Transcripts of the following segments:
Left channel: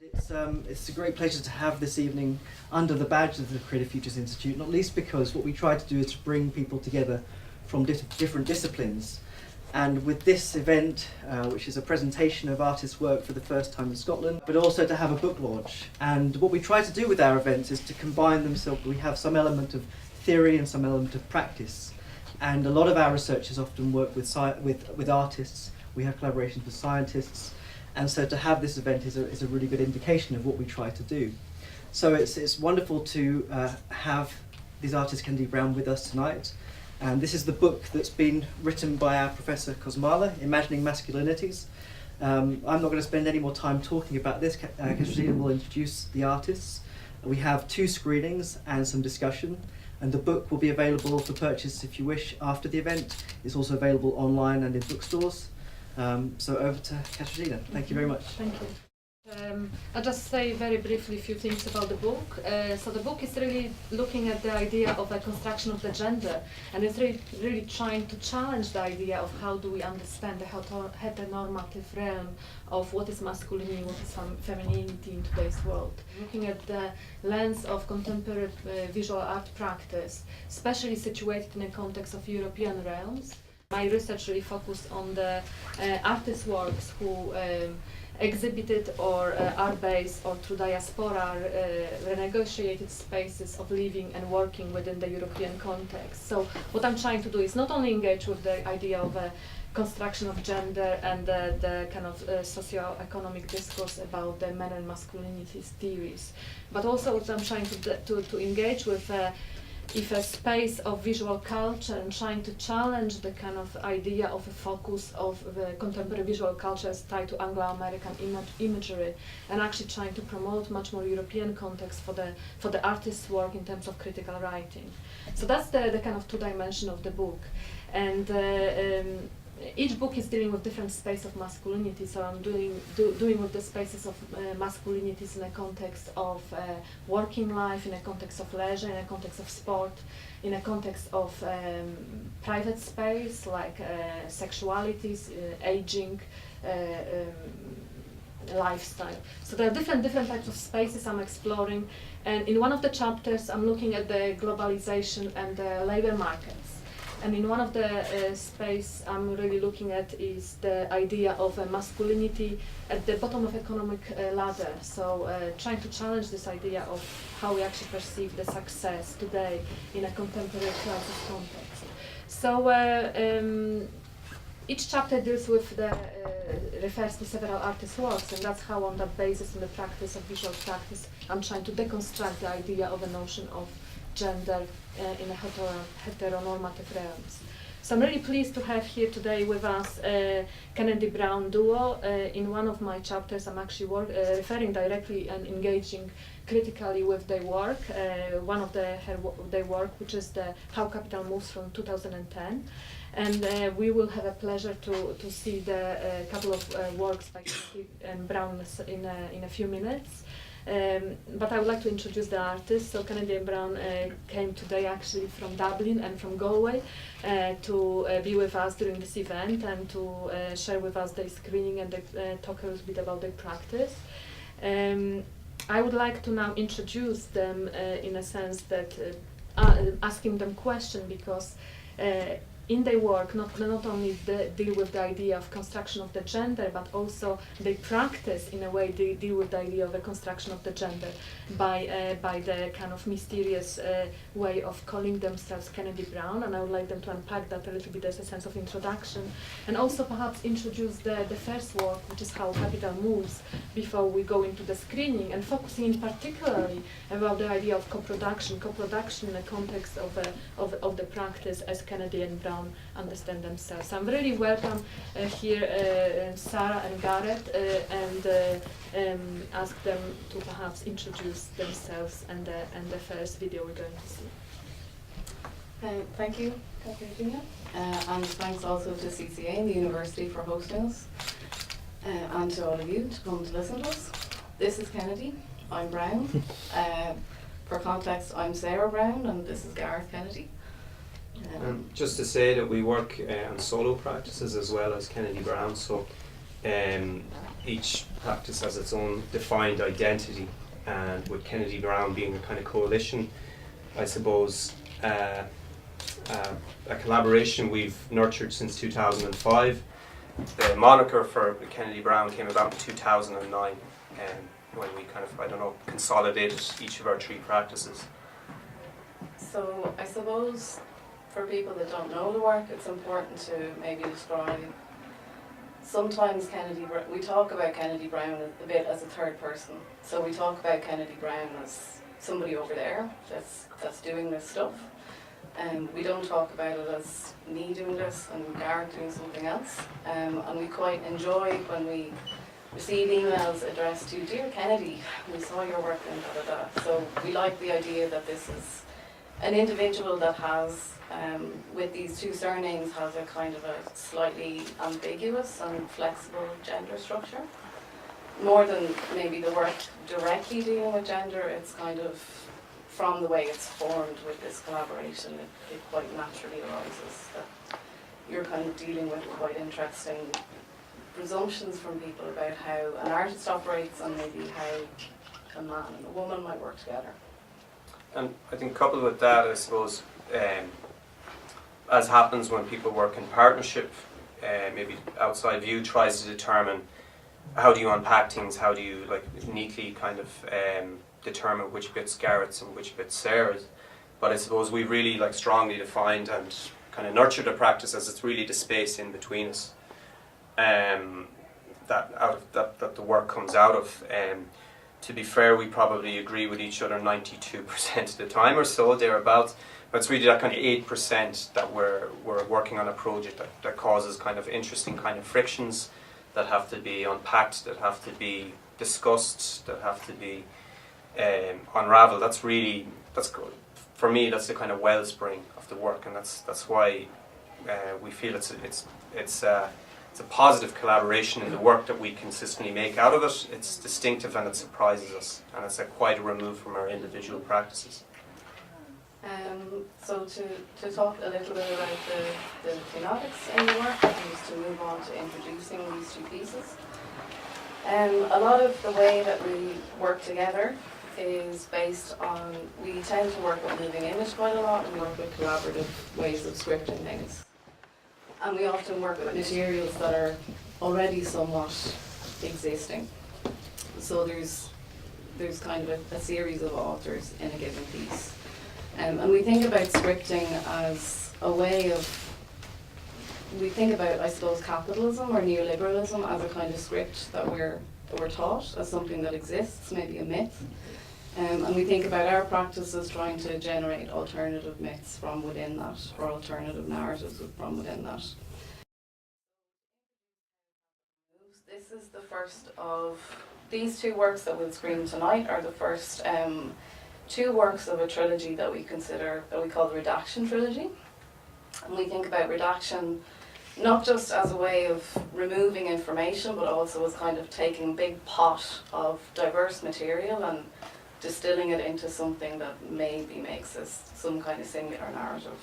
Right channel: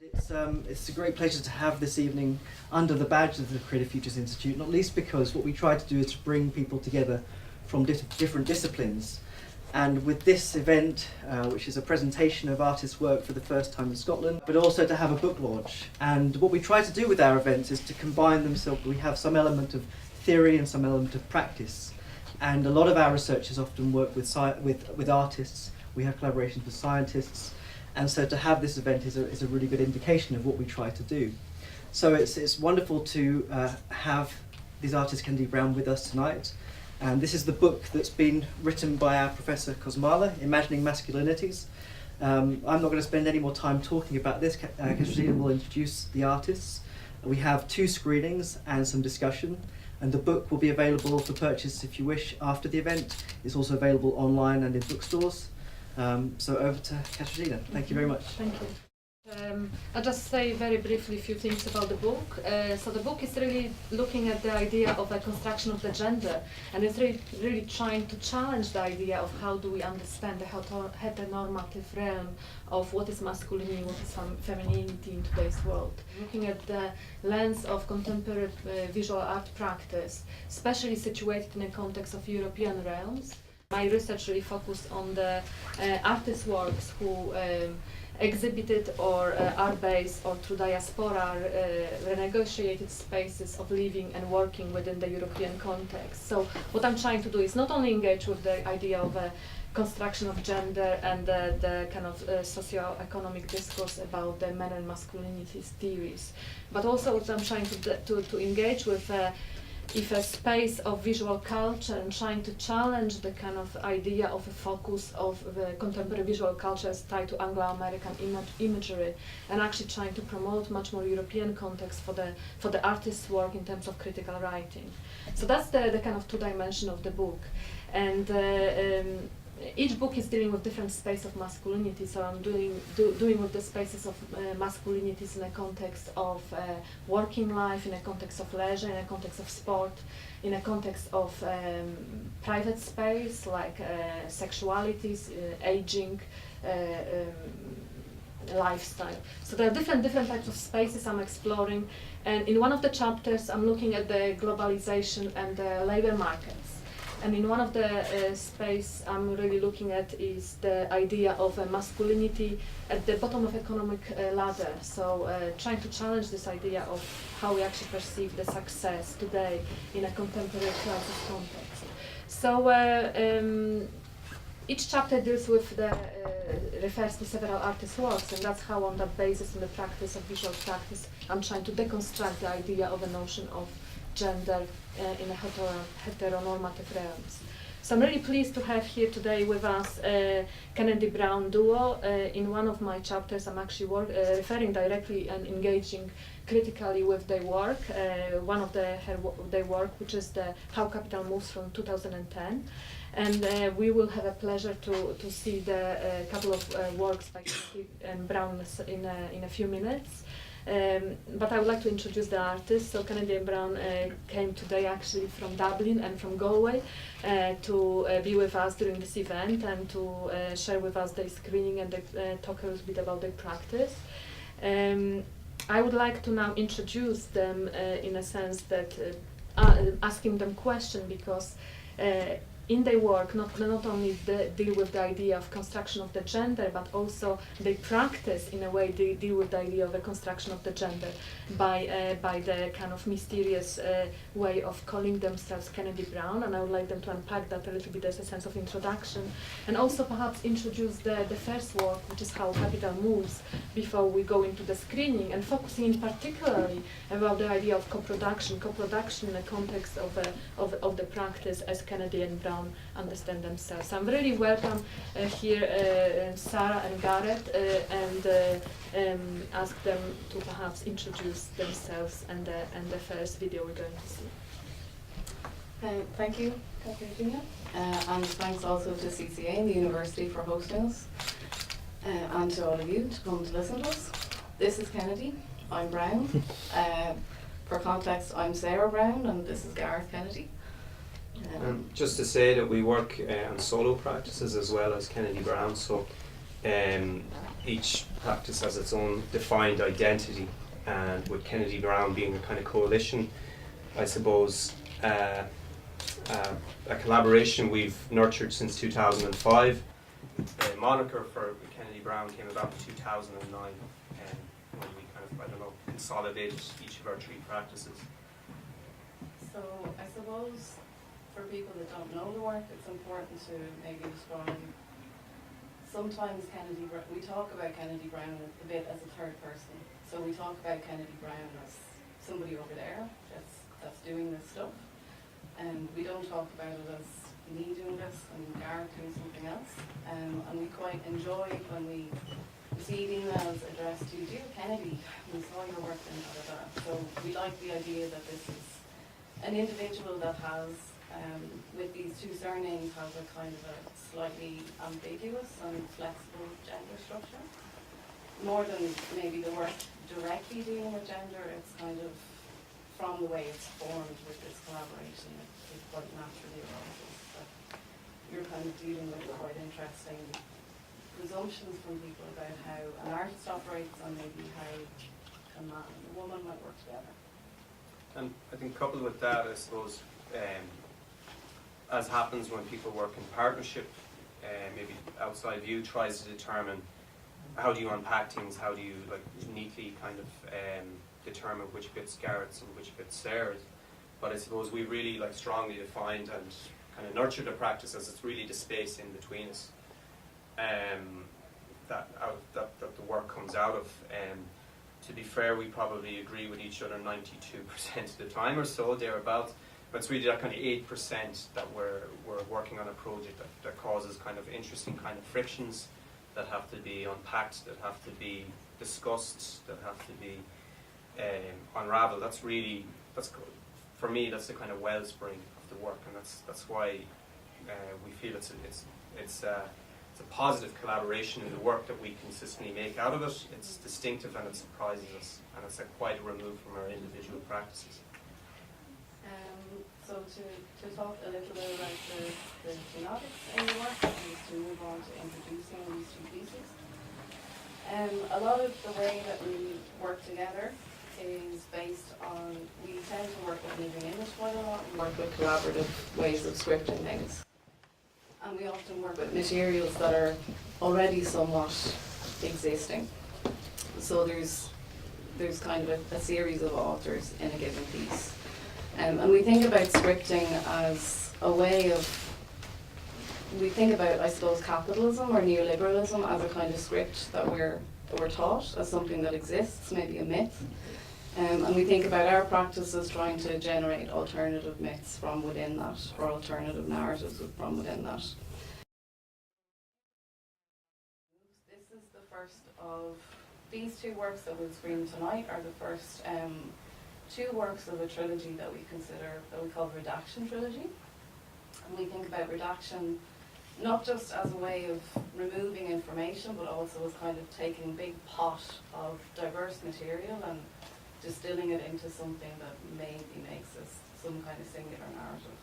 It's a great pleasure to have this evening under the badge of the Creative Futures Institute, not least because what we try to do is to bring people together from different disciplines. And with this event, which is a presentation of artists' work for the first time in Scotland, but also to have a book launch. And what we try to do with our events is to combine them so we have some element of theory and some element of practice. And a lot of our researchers often work with artists. We have collaborations with scientists. And so to have this event is a really good indication of what we try to do. So it's wonderful to have these artists, Kennedy Browne, with us tonight. And this is the book that's been written by our Professor Kosmala, Imagining Masculinities. I'm not going to spend any more time talking about this. Katarzyna will introduce the artists. We have 2 screenings and some discussion. And the book will be available for purchase if you wish after the event. It's also available online and in bookstores. So over to Katarzyna. Thank you very much. Thank you. I'll just say very briefly a few things about the book. So the book is really looking at the idea of a construction of the gender, and it's really trying to challenge the idea of how do we understand the heteronormative realm of what is masculinity, what is femininity in today's world. Looking at the lens of contemporary visual art practice, especially situated in the context of European realms. My research really focused on the artists' works who exhibited or are based or through diaspora renegotiated spaces of living and working within the European context. So what I'm trying to do is not only engage with the idea of a construction of gender and the kind of socio-economic discourse about the men and masculinity theories, but also what I'm trying to engage with if a space of visual culture and trying to challenge the kind of idea of a focus of the contemporary visual culture as tied to Anglo-American imagery, and actually trying to promote much more European context for the artist's work in terms of critical writing. So that's the kind of 2 dimension of the book. And each book is dealing with different space of masculinity, so I'm doing with the spaces of masculinities in a context of working life, in a context of leisure, in a context of sport, in a context of private space like sexualities, aging, lifestyle. So there are different types of spaces I'm exploring, and in one of the chapters I'm looking at the globalization and the labor markets. And in one of the space I'm really looking at is the idea of a masculinity at the bottom of economic ladder. So trying to challenge this idea of how we actually perceive the success today in a contemporary crisis context. So each chapter deals with refers to several artists' works, and that's how on that basis, in the practice of visual practice, I'm trying to deconstruct the idea of a notion of gender in a heteronormative realms. So I'm really pleased to have here today with us Kennedy Browne duo. In one of my chapters I'm actually referring directly and engaging critically with their work. One of their work, which is the How Capital Moves from 2010. And we will have a pleasure to see the couple of works by Kennedy and Browne in a few minutes. But I would like to introduce the artists. So Kennedy and Browne came today actually from Dublin and from Galway to be with us during this event and to share with us their screening and talk a little bit about their practice. I would like to now introduce them in a sense that asking them question, because in their work, not only deal with the idea of construction of the gender, but also they practice, in a way, they deal with the idea of a construction of the gender by the kind of mysterious way of calling themselves Kennedy Browne, and I would like them to unpack that a little bit as a sense of introduction, and also perhaps introduce the first work, which is How Capital Moves, before we go into the screening, and focusing in particularly about the idea of co-production in the context of the practice as Kennedy and Browne understand themselves. So I'm really welcome here Sarah and Gareth and ask them to perhaps introduce themselves and the first video we're going to see. Thank you, Katarzyna, and thanks also to CCA and the University for hosting us, and to all of you to come to listen to us. This is Kennedy, I'm Browne. For context, I'm Sarah Browne, and this is Gareth Kennedy. Just to say that we work on solo practices as well as Kennedy Browne, so Each practice has its own defined identity, and with Kennedy Browne being a kind of coalition, I suppose, a collaboration we've nurtured since 2005. The moniker for Kennedy Browne came about in 2009, when we kind of, I don't know, consolidated each of our 3 practices. So I suppose for people that don't know the work, it's important to maybe describe. Sometimes we talk about Kennedy Browne a bit as a third person. So we talk about Kennedy Browne as somebody over there that's doing this stuff. And we don't talk about it as me doing this and Gareth doing something else. And we quite enjoy when we receive emails addressed to "Dear Kennedy, we saw your work and da da da." So we like the idea that this is an individual that has, with these 2 surnames, has a kind of a slightly ambiguous and flexible gender structure. More than maybe the work directly dealing with gender, it's kind of from the way it's formed with this collaboration, it quite naturally arises that you're kind of dealing with quite interesting presumptions from people about how an artist operates and maybe how a man and a woman might work together. And I think coupled with that, I suppose, as happens when people work in partnership, maybe outside view tries to determine how do you unpack things, how do you like neatly kind of determine which bit's Gareth's and which bit's Sarah's. But I suppose we really like strongly defined and kind of nurtured a practice as it's really the space in between us that the work comes out of. To be fair, we probably agree with each other 92% of the time or so, thereabouts. But it's really that kind of 8% that we're working on a project that causes kind of interesting kind of frictions that have to be unpacked, that have to be discussed, that have to be unraveled. That's good. For me, that's the kind of wellspring of the work, and that's why we feel it's a positive collaboration in the work that we consistently make out of it. It's distinctive and it surprises us, and it's quite a remove from our individual practices. So to talk a little bit about the thematics in the work, just to move on to introducing these 2 pieces. A lot of the way that we work together is based on, we tend to work with moving image quite a lot and work with collaborative ways of scripting things. And we often work with materials that are already somewhat existing. So there's kind of a series of authors in a given piece. And we think about scripting as a way of, we think about, I suppose, capitalism or neoliberalism as a kind of script that we're taught as something that exists, maybe a myth. And we think about our practices trying to generate alternative myths from within that, or alternative narratives from within that. This is the first of these 2 works that we'll screen tonight are the first 2 works of a trilogy that we call the Redaction Trilogy. And we think about redaction not just as a way of removing information, but also as kind of taking a big pot of diverse material and distilling it into something that maybe makes us some kind of singular narrative.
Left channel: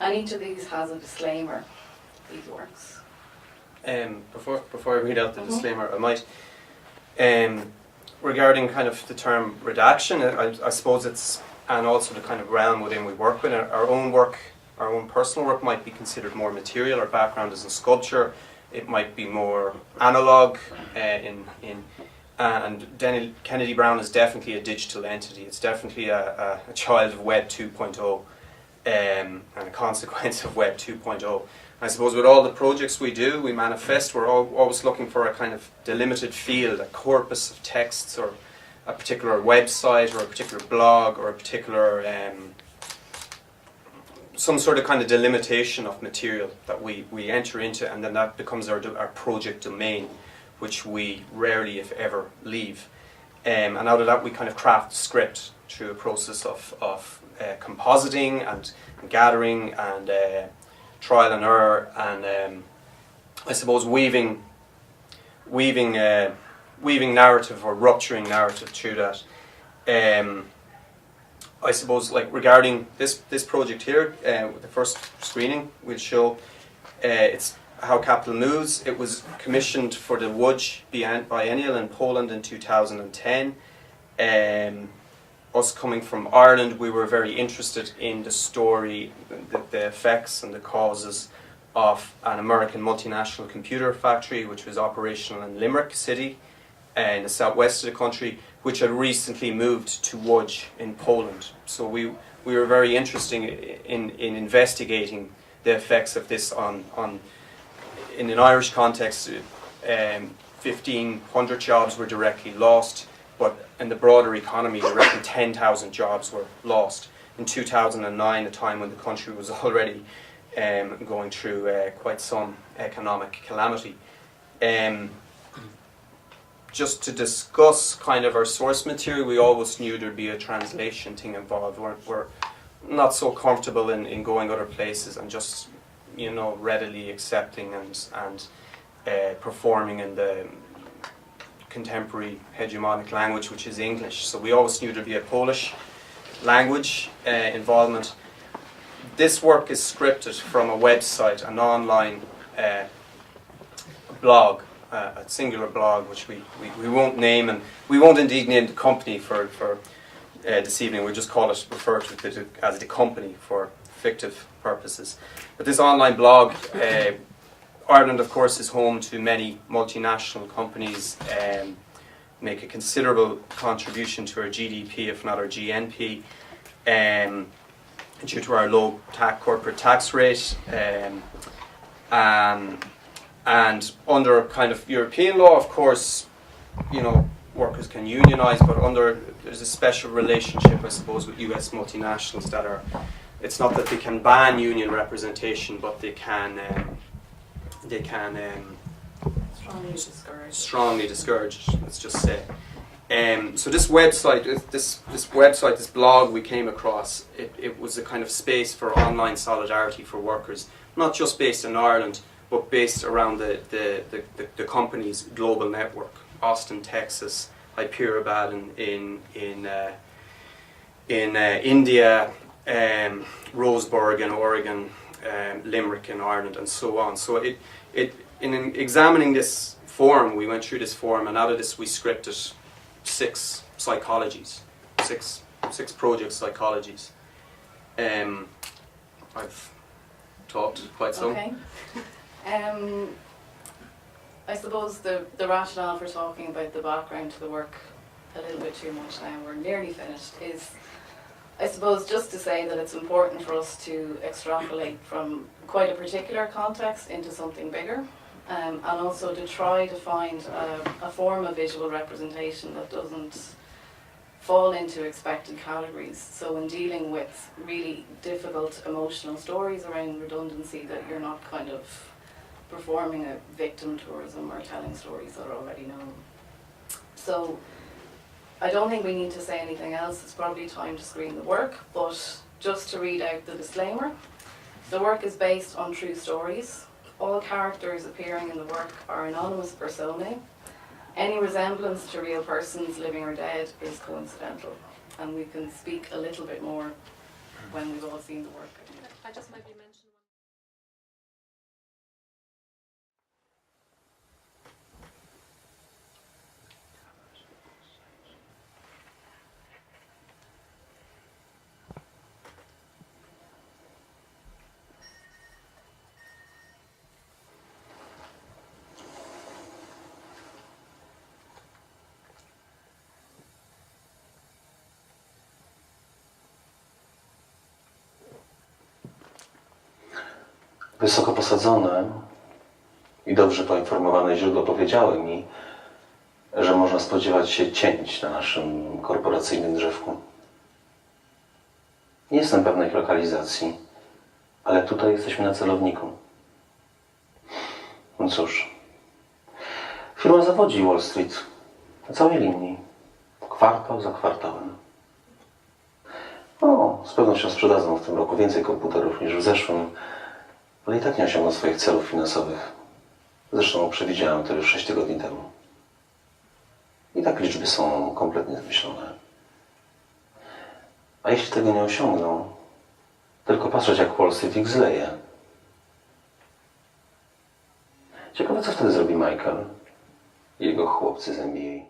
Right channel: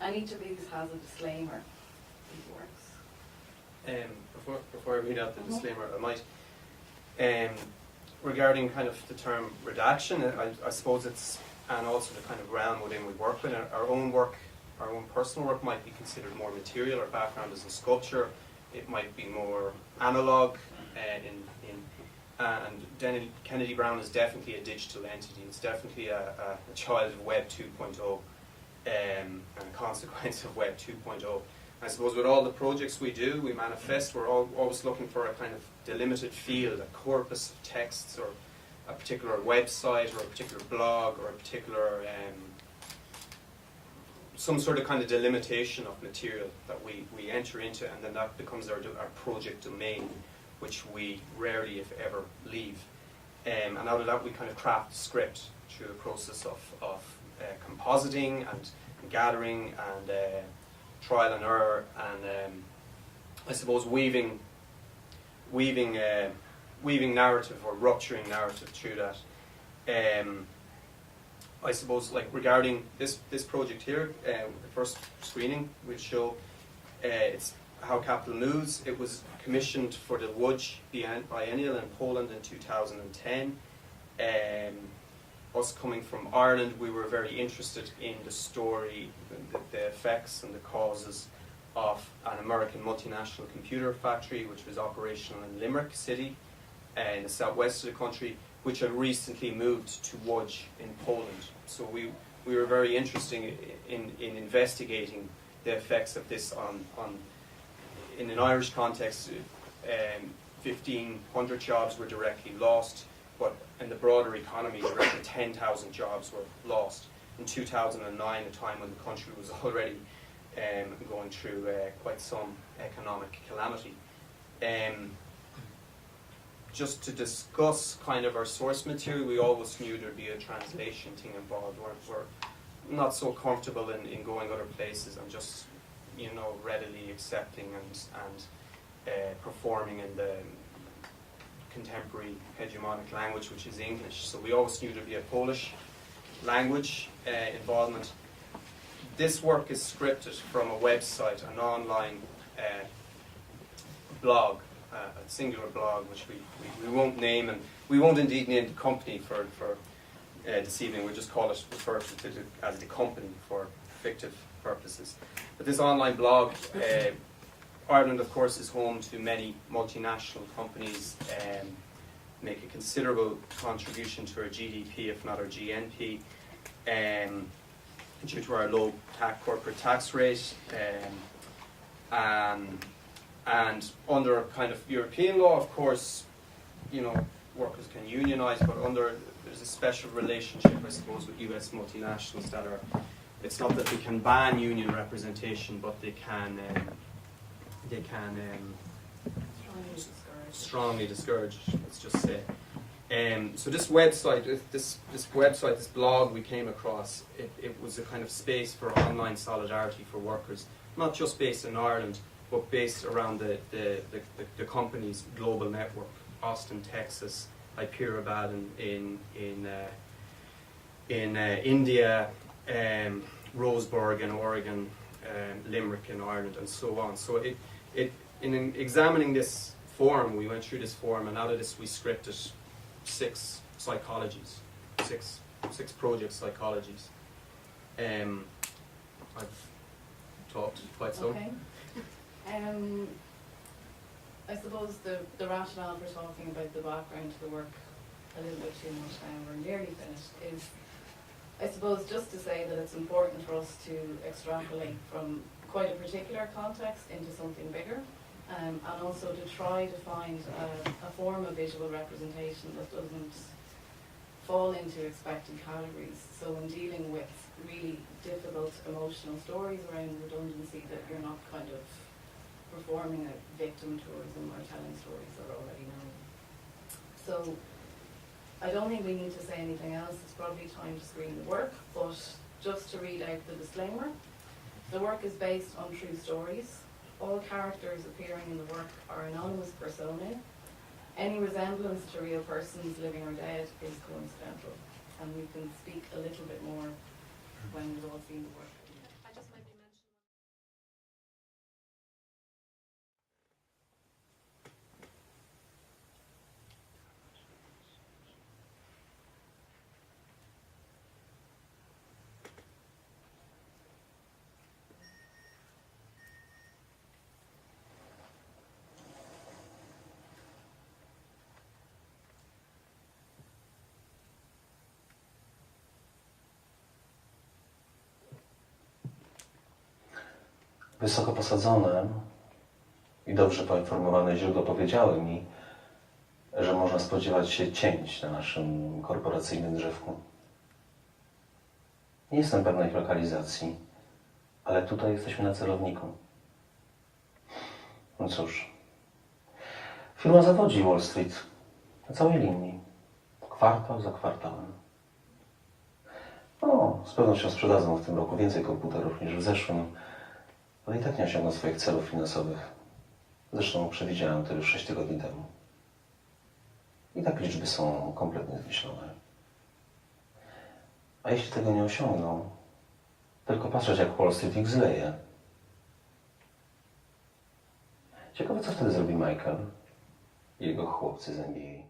And each of these has a disclaimer, these works. Before I read out the disclaimer, I might, regarding kind of the term redaction, I suppose it's, and also the kind of realm within we work with, our own work, our own personal work might be considered more material. Our background is in sculpture. It might be more analog and Kennedy Browne is definitely a digital entity. It's definitely a child of Web 2.0 and a consequence of Web 2.0. I suppose with all the projects we do, we manifest, we're always looking for a kind of delimited field, a corpus of texts, or a particular website, or a particular blog, or a particular some sort of kind of delimitation of material that we enter into, and then that becomes our project domain, which we rarely, if ever, leave. And out of that, we kind of craft a script through a process of compositing and gathering and trial and error, and I suppose weaving narrative or rupturing narrative through that. I suppose, like regarding this project here, the first screening we'll show, it's How Capital Moves. It was commissioned for the Łódź Biennial in Poland in 2010. Us coming from Ireland, we were very interested in the story, the effects and the causes of an American multinational computer factory which was operational in Limerick City in the southwest of the country, which had recently moved to Łódź in Poland. So we were very interested in investigating the effects of this on in an Irish context. 1,500 jobs were directly lost, but in the broader economy, I reckon 10,000 jobs were lost in 2009, a time when the country was already going through quite some economic calamity. Just to discuss kind of our source material, we always knew there'd be a translation thing involved. We're not so comfortable in going other places and just, you know, readily accepting and performing in the contemporary hegemonic language, which is English. So we always knew there'd be a Polish language involvement. This work is scripted from a website, an online blog, a singular blog, which we won't name, and we won't indeed name the company for this evening. We'll just refer to it as the company for fictive purposes. But this online blog, Ireland, of course, is home to many multinational companies, make a considerable contribution to our GDP, if not our GNP, due to our low corporate tax rate. And under kind of European law, of course, you know, workers can unionize, but there's a special relationship, I suppose, with US multinationals that are, it's not that they can ban union representation, but they can strongly discourage it, let's just say. So this website, this blog we came across, it was a kind of space for online solidarity for workers, not just based in Ireland, but based around the company's global network. Austin, Texas, Hyderabad in India, Roseburg in Oregon, Limerick in Ireland, and so on. So in examining this forum, we went through this forum, and out of this we scripted 6 psychologies, six project psychologies. I've talked quite some. Okay. I suppose the rationale for talking about the background to the work a little bit too much now, we're nearly finished, is I suppose just to say that it's important for us to extrapolate from quite a particular context into something bigger, and also to try to find a form of visual representation that doesn't fall into expected categories. So in dealing with really difficult emotional stories around redundancy, that you're not kind of performing a victim tourism or telling stories that are already known. So I don't think we need to say anything else. It's probably time to screen the work, but just to read out the disclaimer. The work is based on true stories. All characters appearing in the work are anonymous personae. Any resemblance to real persons, living or dead, is coincidental. And we can speak a little bit more when we've all seen the work. I just maybe mention Wysoko posadzone i dobrze poinformowane źródła powiedziały mi, że można spodziewać się cięć na naszym korporacyjnym drzewku. Nie jestem pewny ich lokalizacji, ale tutaj jesteśmy na celowniku. No cóż, firma zawodzi Wall Street na całej linii, kwartał za kwartałem. O, z pewnością sprzedadzą w tym roku więcej komputerów niż w zeszłym, ale i tak nie osiągną swoich celów finansowych. Zresztą przewidziałem to już 6 tygodni temu. I tak liczby są kompletnie zmyślone. A jeśli tego nie osiągną, tylko patrzeć, jak Wall Street ich zleje. Ciekawe, co wtedy zrobi Michael i jego chłopcy z NBA.